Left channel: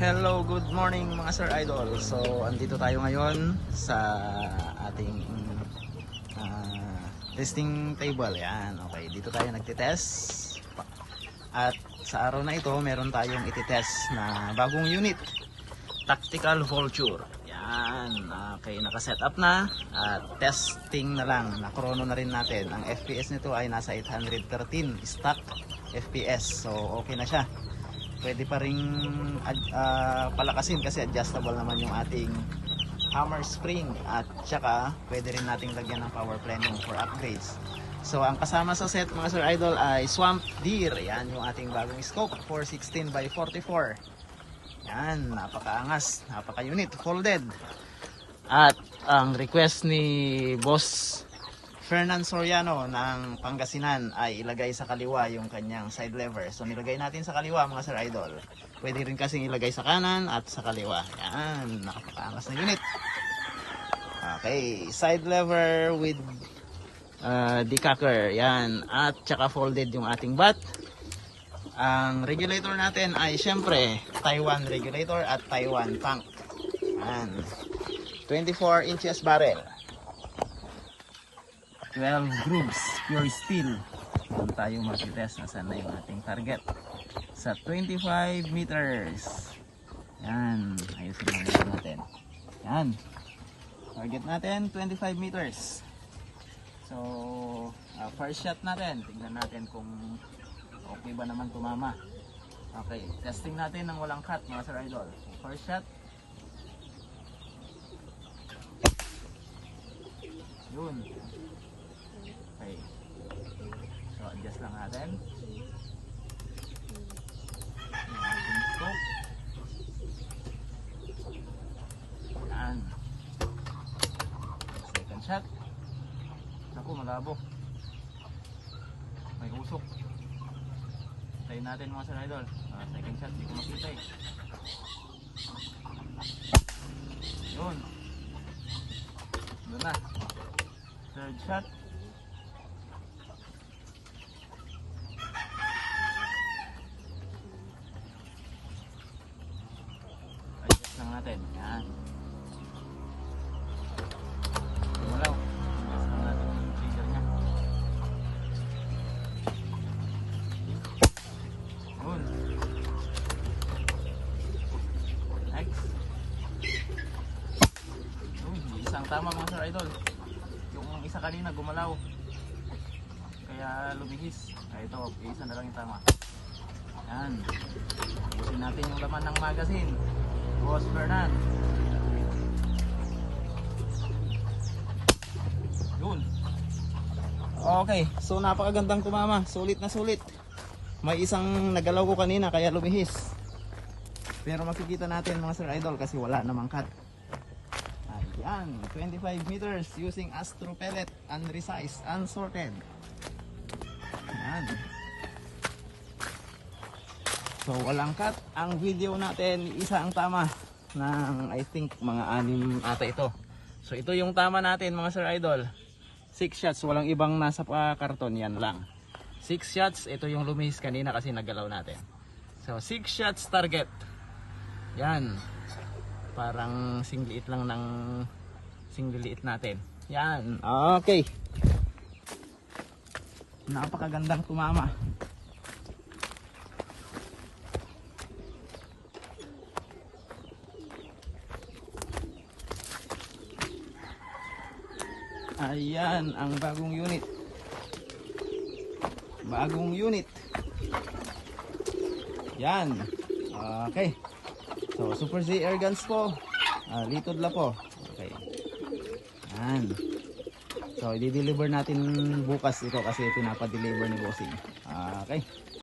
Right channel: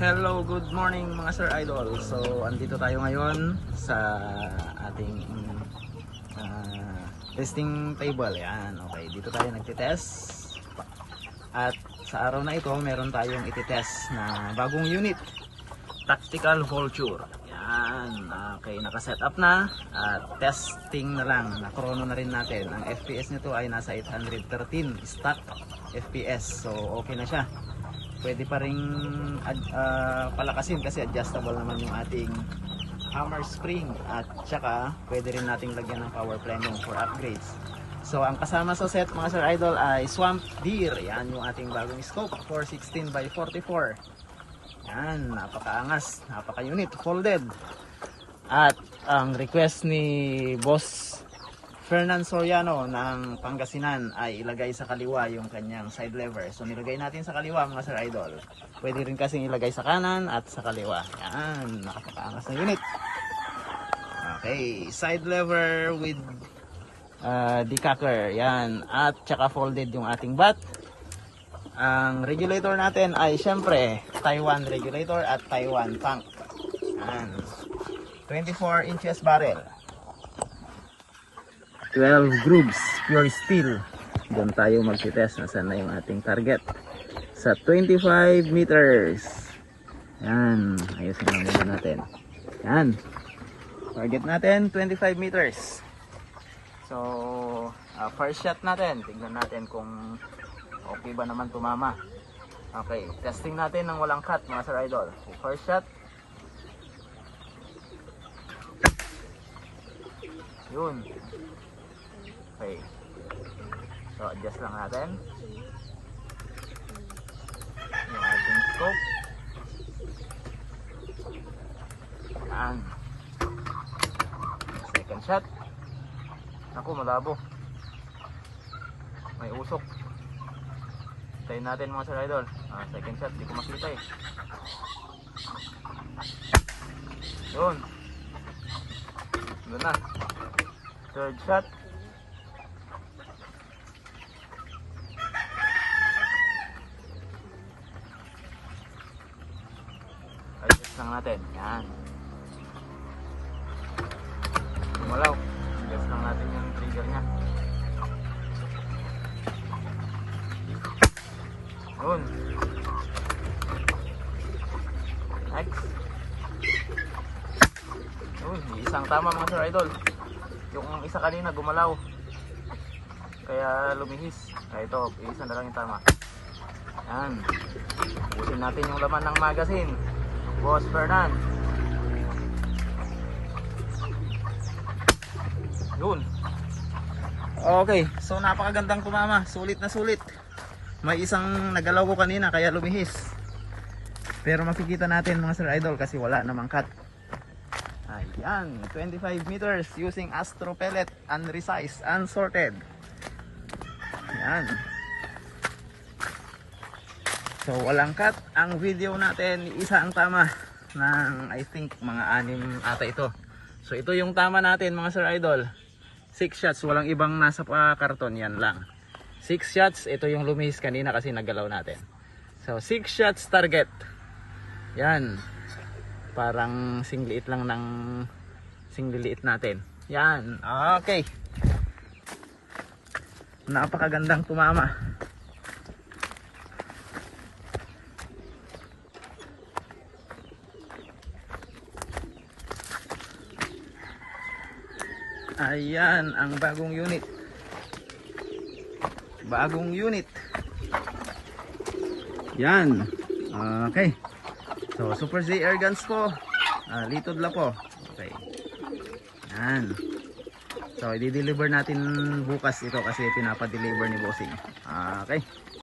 Hello, good morning mga Sir Idol. So, andito tayo ngayon sa ating testing table. Yan, okay. Dito tayo nagtitest. At sa araw na ito, meron tayong ititest na bagong unit. Tactical Vulture. Yan, okay. Nakaset up na. At testing na lang. Na-chrono na rin natin. Ang FPS nito ay nasa 813 stock FPS. So, okay na siya. Pwede pa ring palakasin kasi adjustable naman yung ating hammer spring, at saka pwede rin nating lagyan ng power plenum for upgrades. So ang kasama sa set mga Sir Idol ay Swamp Deer. Yan yung ating bagong scope, 416x44. Yan, napakaangas, napaka-unit, folded. At ang request ni Boss Fernan Soriano ng Pangasinan ay ilagay sa kaliwa yung kanyang side lever. So nilagay natin sa kaliwa mga Sir Idol. Pwede rin kasing ilagay sa kanan at sa kaliwa. Yan, nakapakaangas na unit. Okay, side lever with decacker. Yan, at saka folded yung ating bat. Ang regulator natin ay syempre Taiwan regulator at Taiwan tank. Yan, 24 inches bearing. 12 grooves, pure steel. Doon tayo magtitest na saan na yung ating target. Sa 25 meters. Yan, ayusin na nila natin. Yan. Target natin, 25 meters. So, first shot natin. Tignan natin kung okay ba naman tumama. Okay, testing natin ng walang cut mga Sir Idol. First shot. Yun. Okay. So, adjust lang natin yung ating scope. Yan. Second shot. Naku, malabo. May usok. Tayin natin mga Sir Idol. Second shot, di ko makita eh. Yun. Doon na. Third shot. Natin. Yan. Gumalaw. Adjust lang natin yung trigger nya. Yun. Next. Yun. Isang tama mga Sir Idol. Yung isa kanina gumalaw. Kaya lumihis. Kaya ito, isa na lang yung tama. Yan. Ubusin natin yung laman ng magazine. Boss Fernan. Yun. Okay, so napakagandang tumama. Sulit na sulit. May isang nagalaw ko kanina kaya lumihis. Pero makikita natin mga Sir Idol kasi wala namang cut. Ayan, 25 meters using Astro Pellet, unresized, unsorted. Ayan. So walang cut. Ang video natin, isa ang tama ng I think mga 6 ata ito. So ito yung tama natin mga Sir Idol. 6 shots, walang ibang nasa karton, yan lang. 6 shots, ito yung lumihis kanina kasi naggalaw natin. So 6 shots target. Yan. Parang singliit lang ng singliliit natin. Yan. Okay. Napakagandang tumama. Ayan ang bagong unit. Bagong unit. Yan. Okay. So Super Z air guns po. Litod la po. Okay. Yan. So i-deliver natin bukas ito kasi pinapa-deliver ni Bossing. Okay.